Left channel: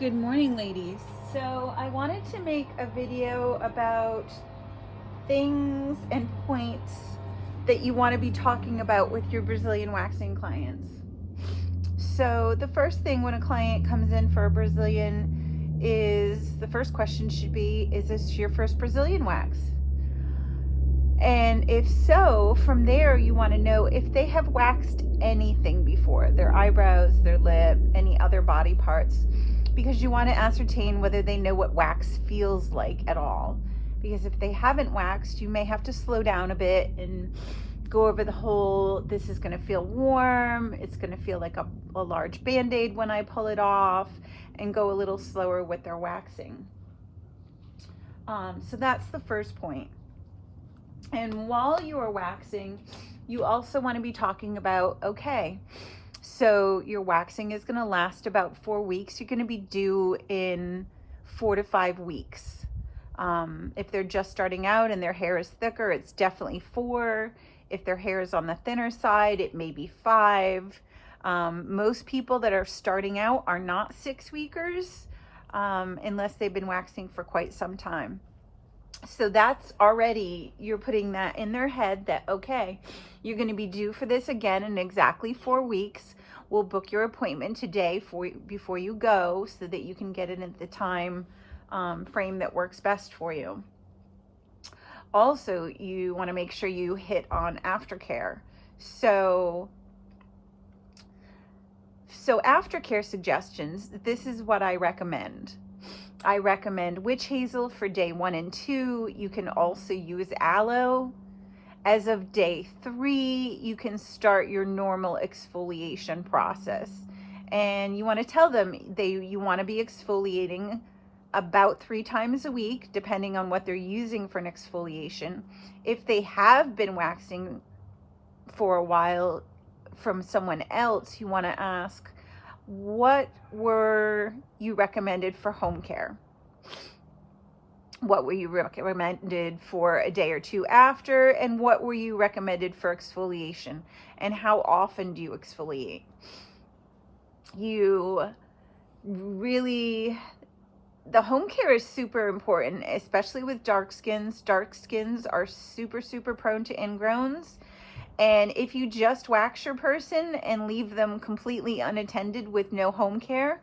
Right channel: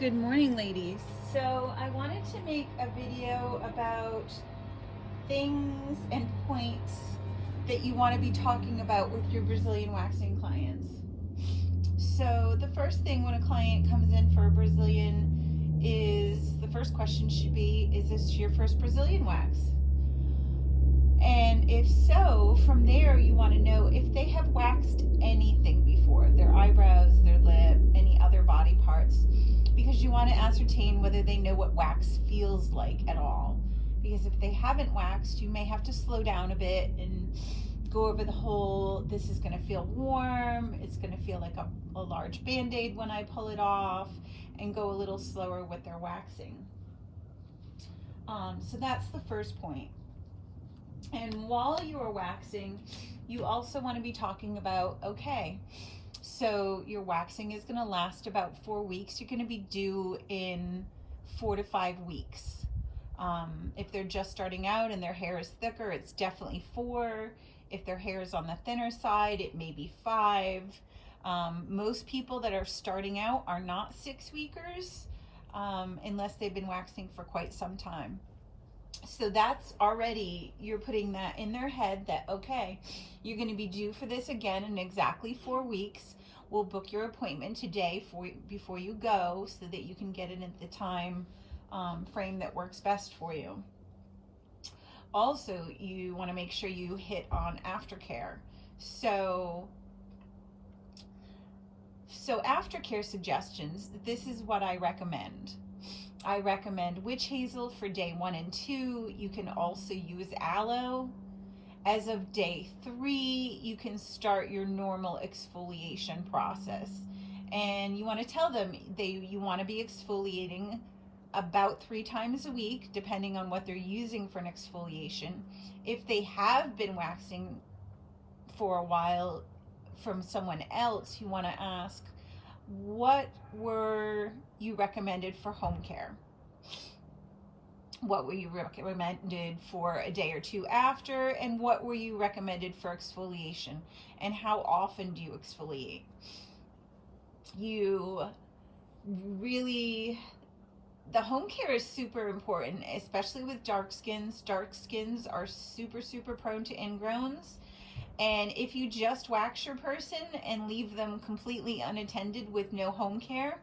Good morning, ladies. So I wanted to make a video about things and points that you want to be talking about with your Brazilian waxing clients. So the first thing when a client comes in for a Brazilian is, the first question should be, is this your first Brazilian wax? And if so, from there you want to know if they have waxed anything before, their eyebrows, their lip, any other body parts, because you want to ascertain whether they know what wax feels like at all. Because if they haven't waxed, you may have to slow down a bit and go over the whole, this is going to feel warm, it's going to feel like a large band-aid when I pull it off, and go a little slower with their waxing. So that's the first point. And while you are waxing, you also want to be talking about, okay, so your waxing is going to last about 4 weeks. You're going to be due in 4 to 5 weeks. If they're just starting out and their hair is thicker, it's definitely 4. If their hair is on the thinner side, it may be 5. Most people that are starting out are not 6-weekers unless they've been waxing for quite some time. So that's already, you're putting that in their head that, okay, you're going to be due for this again in exactly 4 weeks. We'll book your appointment today before you go so that you can get it at the time frame that works best for you. Also, you want to make sure you hit on aftercare. So aftercare suggestions, this is what I recommend. I recommend witch hazel for day 1 and 2. You can also use aloe. As of day 3, you can start your normal exfoliation process. And you want to tell them you want to be exfoliating about 3 times a week, depending on what they're using for an exfoliation. If they have been waxing for a while from someone else, you want to ask, what were you recommended for home care? What were you recommended for a day or 2 after? And what were you recommended for exfoliation? And how often do you exfoliate? The home care is super important, especially with dark skins. Dark skins are super, super prone to ingrowns. And if you just wax your person and leave them completely unattended with no home care,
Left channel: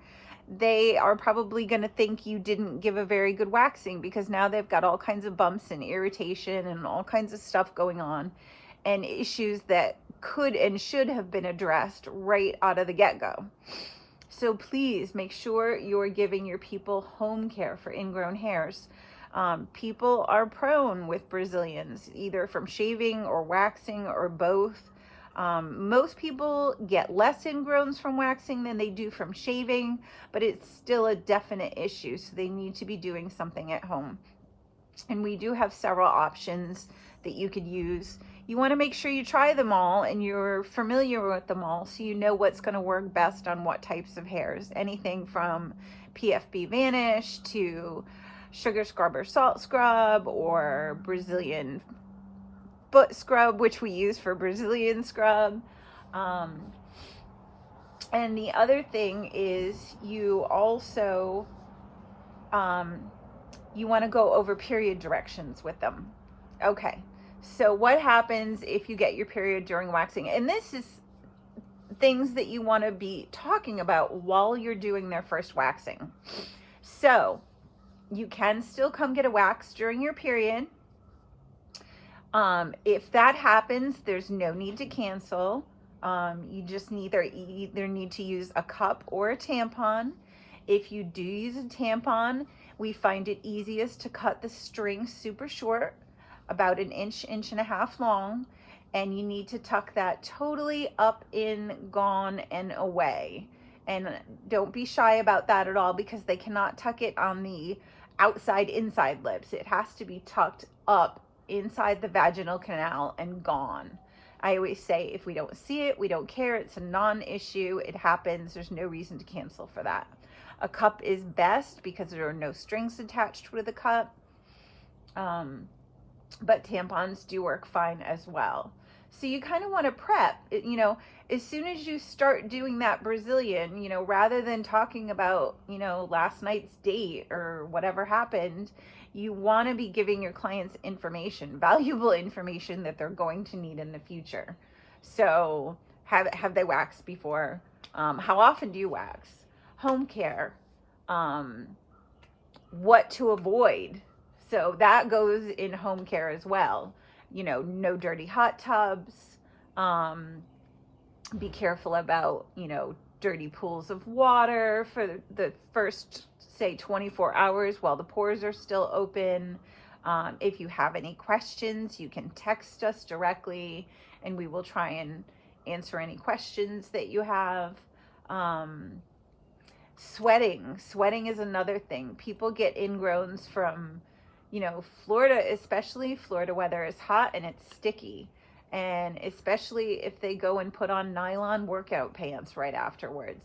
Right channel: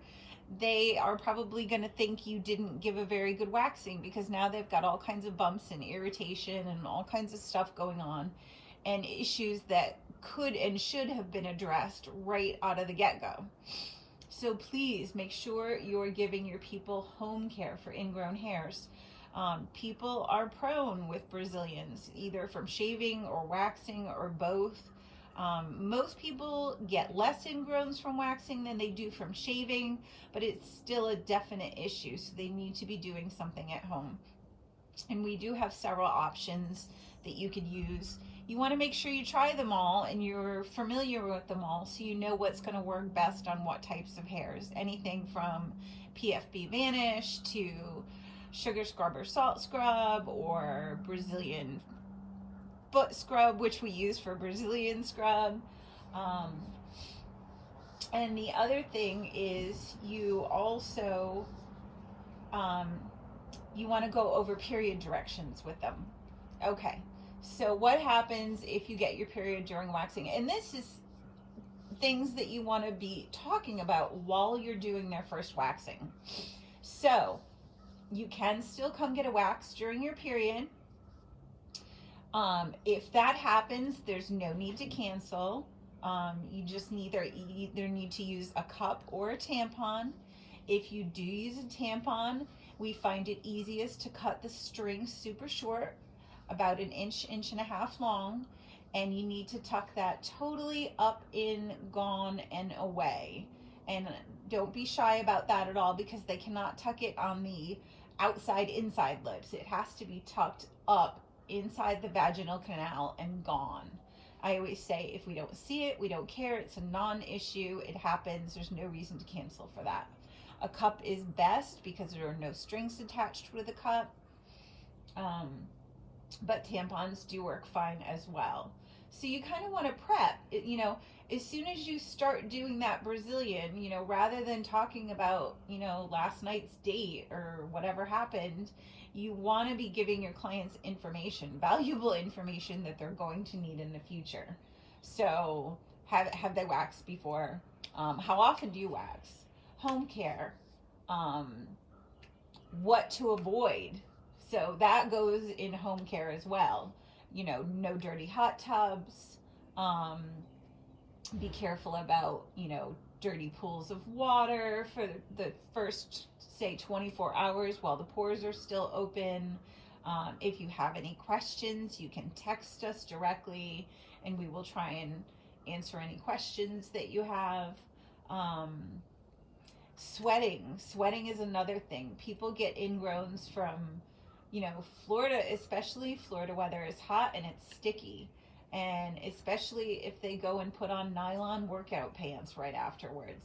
they are probably going to think you didn't give a very good waxing, because now they've got all kinds of bumps and irritation and all kinds of stuff going on, and issues that could and should have been addressed right out of the get-go. So please make sure you're giving your people home care for ingrown hairs. People are prone with Brazilians, either from shaving or waxing or both. Most people get less ingrowns from waxing than they do from shaving, but it's still a definite issue, so they need to be doing something at home. And we do have several options that you could use. You want to make sure you try them all and you're familiar with them all, so you know what's going to work best on what types of hairs. Anything from PFB Vanish to sugar scrub or salt scrub, or Brazilian foot scrub, which we use for Brazilian scrub. And the other thing is you also you want to go over period directions with them. Okay, so what happens if you get your period during waxing? And this is things that you want to be talking about while you're doing their first waxing. So you can still come get a wax during your period. If that happens, there's no need to cancel. You just either need to use a cup or a tampon. If you do use a tampon, we find it easiest to cut the string super short, about 1 inch, 1.5 inches long, and you need to tuck that totally up, in, gone, and away. And don't be shy about that at all, because they cannot tuck it on the outside inside lips. It has to be tucked up inside the vaginal canal and gone. I always say, if we don't see it, we don't care. It's a non-issue. It happens. There's no reason to cancel for that. A cup is best because there are no strings attached with a cup. But tampons do work fine as well. So you kind of want to prep, as soon as you start doing that Brazilian, you know, rather than talking about, you know, last night's date or whatever happened, you want to be giving your clients information, valuable information that they're going to need in the future. So have they waxed before? How often do you wax? Home care, what to avoid. So that goes in home care as well. You know, no dirty hot tubs. Be careful about, you know, dirty pools of water for the first, say, 24 hours while the pores are still open. If you have any questions, you can text us directly and we will try and answer any questions that you have. Sweating is another thing. People get ingrowns from, you know, Florida, especially Florida weather is hot and it's sticky. And especially if they go and put on nylon workout pants right afterwards.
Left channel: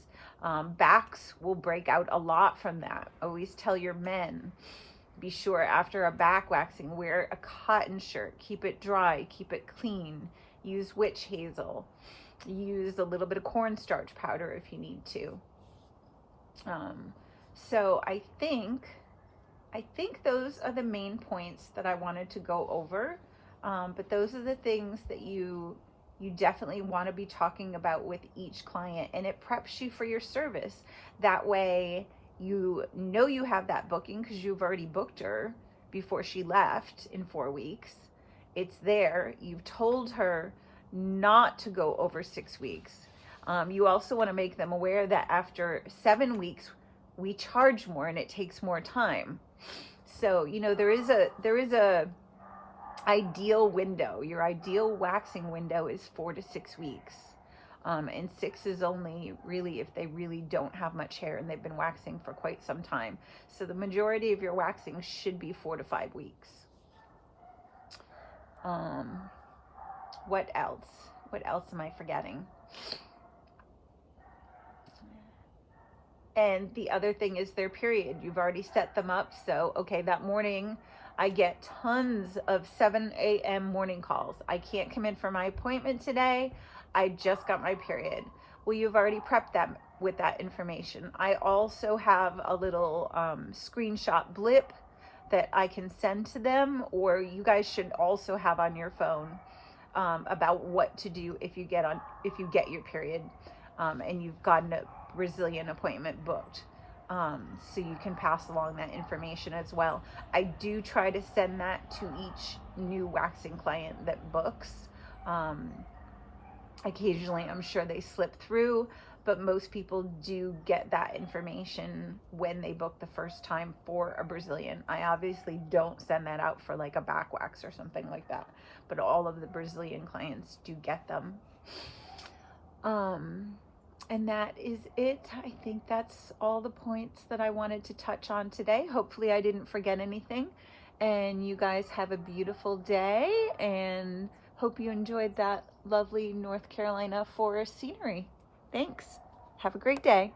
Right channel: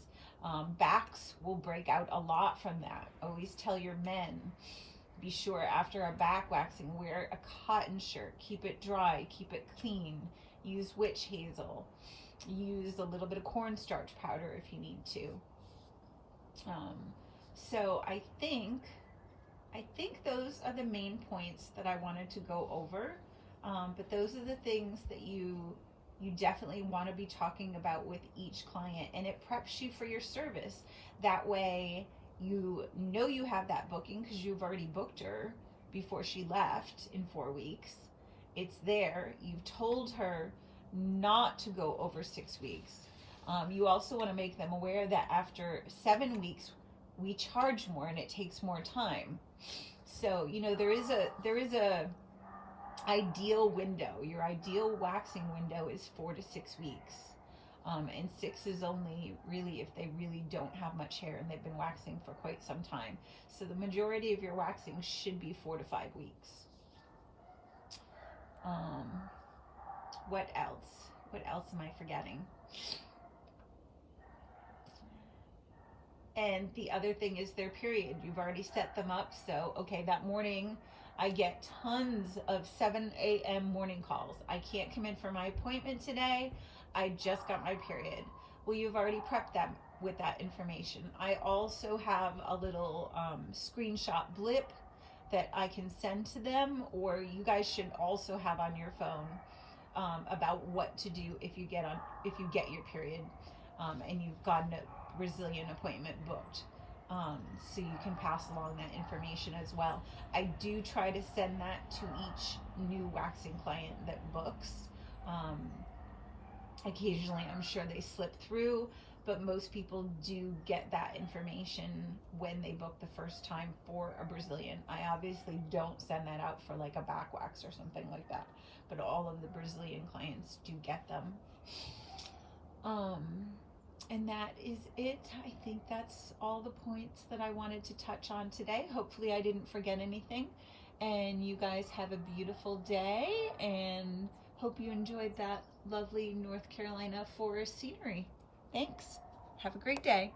Backs will break out a lot from that. Always tell your men, be sure after a back waxing, wear a cotton shirt, keep it dry, keep it clean, use witch hazel, use a little bit of cornstarch powder if you need to. So I think those are the main points that I wanted to go over. But those are the things that you definitely want to be talking about with each client, and it preps you for your service. That way you know you have that booking because you've already booked her before she left in 4 weeks. It's there. You've told her not to go over 6 weeks. You also want to make them aware that after 7 weeks, we charge more and it takes more time. So, you know, there is a ideal window. Your ideal waxing window is 4 to 6 weeks. And 6 is only really if they really don't have much hair and they've been waxing for quite some time. So the majority of your waxing should be 4 to 5 weeks. What else? What else am I forgetting? And the other thing is their period. You've already set them up. So, okay, that morning I get tons of 7 a.m. morning calls. I can't come in for my appointment today. I just got my period. Well, you've already prepped them with that information. I also have a little screenshot blip that I can send to them, or you guys should also have on your phone about what to do if you get your period and you've gotten a Brazilian appointment booked. So you can pass along that information as well. I do try to send that to each new waxing client that books. Occasionally, I'm sure they slip through, but most people do get that information when they book the first time for a Brazilian. I obviously don't send that out for like a back wax or something like that, but all of the Brazilian clients do get them. And that is it. I think that's all the points that I wanted to touch on today. Hopefully I didn't forget anything. And you guys have a beautiful day, and hope you enjoyed that lovely North Carolina forest scenery. Thanks. Have a great day.